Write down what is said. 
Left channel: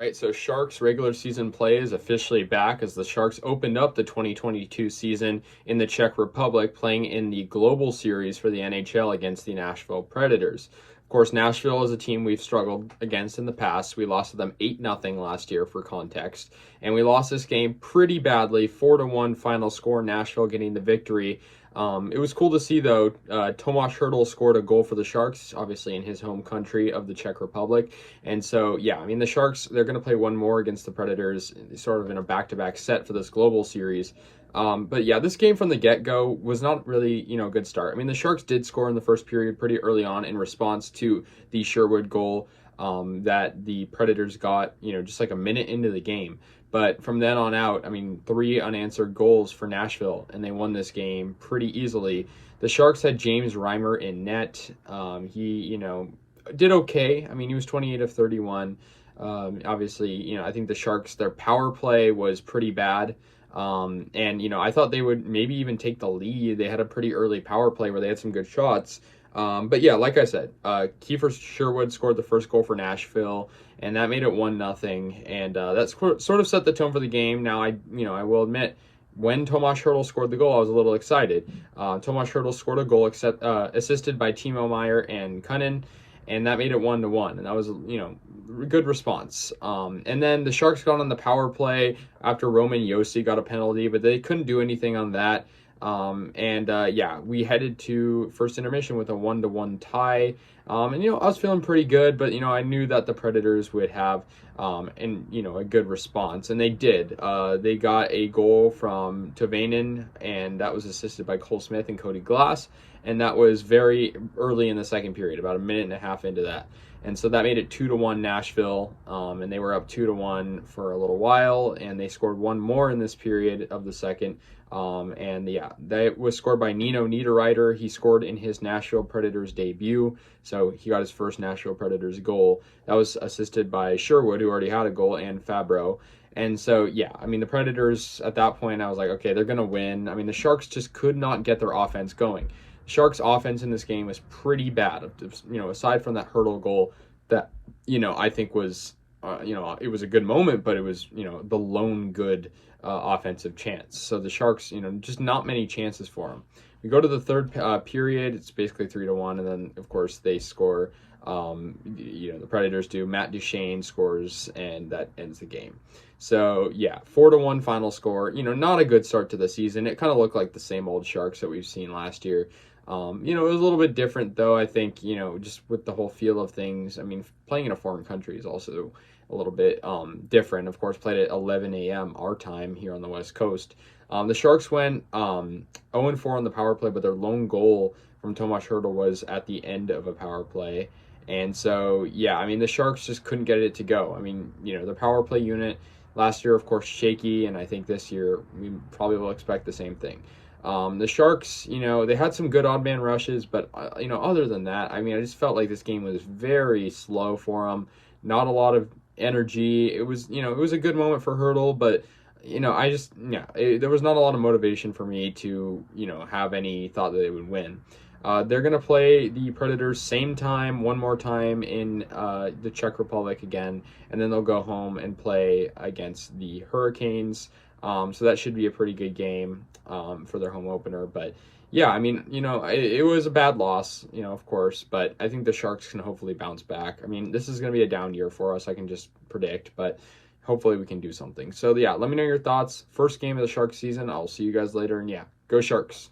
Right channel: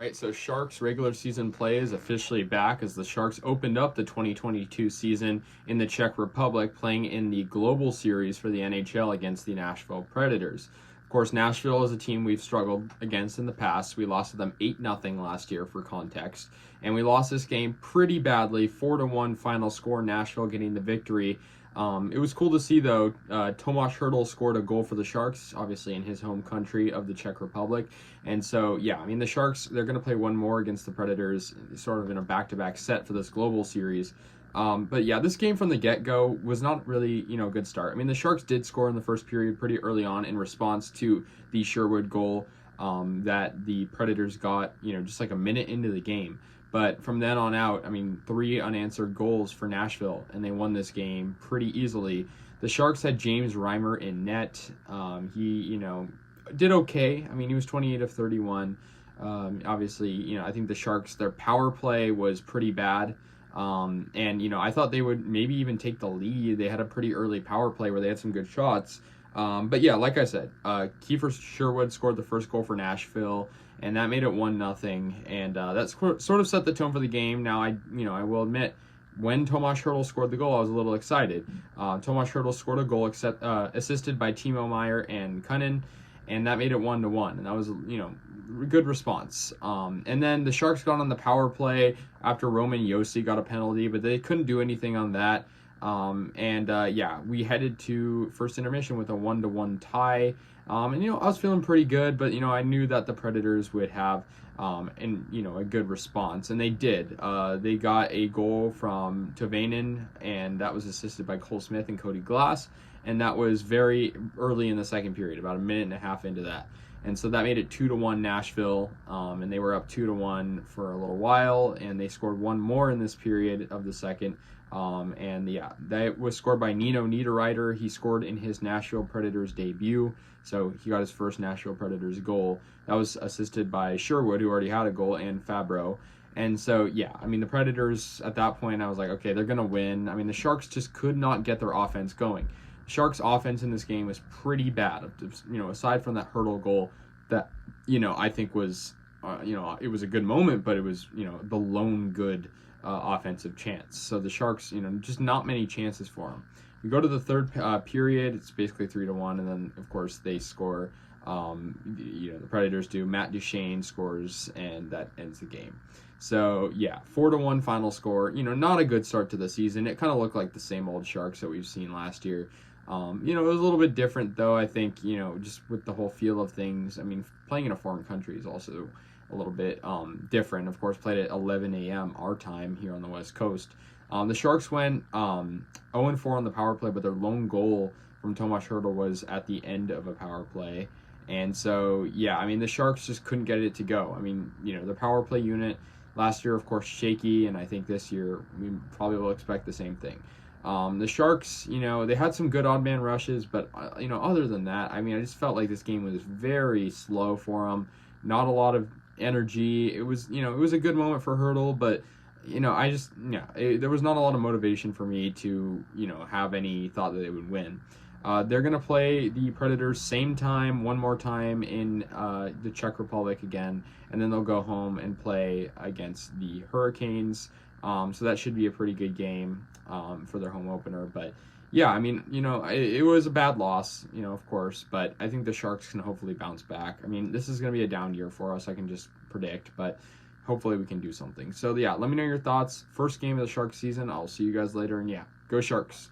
Right, so Sharks regular season play is officially back as the Sharks opened up the 2022 season in the Czech Republic, playing in the Global Series for the NHL against the Nashville Predators. Of course, Nashville is a team we've struggled against in the past. We lost to them 8-0 last year for context, and we lost this game pretty badly, 4-1 final score, Nashville getting the victory. It was cool to see, though. Tomáš Hertl scored a goal for the Sharks, obviously in his home country of the Czech Republic. And so, yeah, I mean, the Sharks, they're going to play one more against the Predators, sort of in a back-to-back set for this global series. But yeah, this game from the get-go was not really, a good start. I mean, the Sharks did score in the first period pretty early on in response to the Sherwood goal that the Predators got, just like a minute into the game. But from then on out, I mean, 3 unanswered goals for Nashville, and they won this game pretty easily. The Sharks had James Reimer in net. He, did okay. I mean, he was 28 of 31. Obviously, I think the Sharks, their power play was pretty bad. And I thought they would maybe even take the lead. They had a pretty early power play where they had some good shots. But yeah, like I said, Kiefer Sherwood scored the first goal for Nashville, and that made it 1-0. And that sort of set the tone for the game. Now, I will admit, when Tomáš Hertl scored the goal, I was a little excited. Tomáš Hertl scored a goal assisted by Timo Meier and Kunin, and that made it 1-1. And that was, good response. And then the Sharks got on the power play after Roman Josi got a penalty, but they couldn't do anything on that. Yeah, we headed to first intermission with a 1-1 tie. I was feeling pretty good, but, I knew that the Predators would have, a good response, and they did. They got a goal from Tavainen, and that was assisted by Cole Smith and Cody Glass, and that was very early in the second period, about a minute and a half into that. And so that made it 2-1 Nashville, and they were up 2-1 for a little while, and they scored one more in this period of the second. That was scored by Nino Niederreiter. He scored in his Nashville Predators debut, so he got his first Nashville Predators goal. That was assisted by Sherwood, who already had a goal, and Fabro. And so, yeah, I mean, the Predators, at that point, I was like, okay, they're going to win. I mean, the Sharks just could not get their offense going. Sharks offense in this game was pretty bad, aside from that Hertl goal that, I think was, it was a good moment, but it was, the lone good offensive chance. So the Sharks, just not many chances for them. We go to the third period, it's basically 3-1, and then, of course, they score. The Predators do. Matt Duchene scores, and that ends the game. So, yeah, 4-1 final score. Not a good start to the season. It kind of looked like the same old Sharks that we've seen last year. It was a little bit different, though, I think, just with the whole feel of things. I mean, playing in a foreign country is also a little bit different. Of course, played at 11 a.m. our time here on the West Coast. The Sharks went 0-4 on the power play, but their lone goal from Tomáš Hertl was at the end of a power play. And so, yeah, I mean, the Sharks just couldn't get it to go. I mean, the power play unit last year, of course, shaky, and I think this year we probably will expect the same thing. The Sharks, they had some good odd man rushes, but, other than that, I mean, I just felt like this game was very slow for them. Not a lot of energy. It was, it was a good moment for Hertl, but, there was not a lot of motivation for me to, have any thought that they would win. They're going to play the Predators same time, one more time in the Czech Republic again, and then they'll go home and play against the Hurricanes. So that should be a pretty good game for their home opener. But yeah, I mean, it was a bad loss, of course, but I think the Sharks can hopefully bounce back. I mean, this is going to be a down year for us, I can just predict, but hopefully we can do something. So yeah, let me know your thoughts. First game of the Sharks season. I'll see you guys later, and yeah, go Sharks.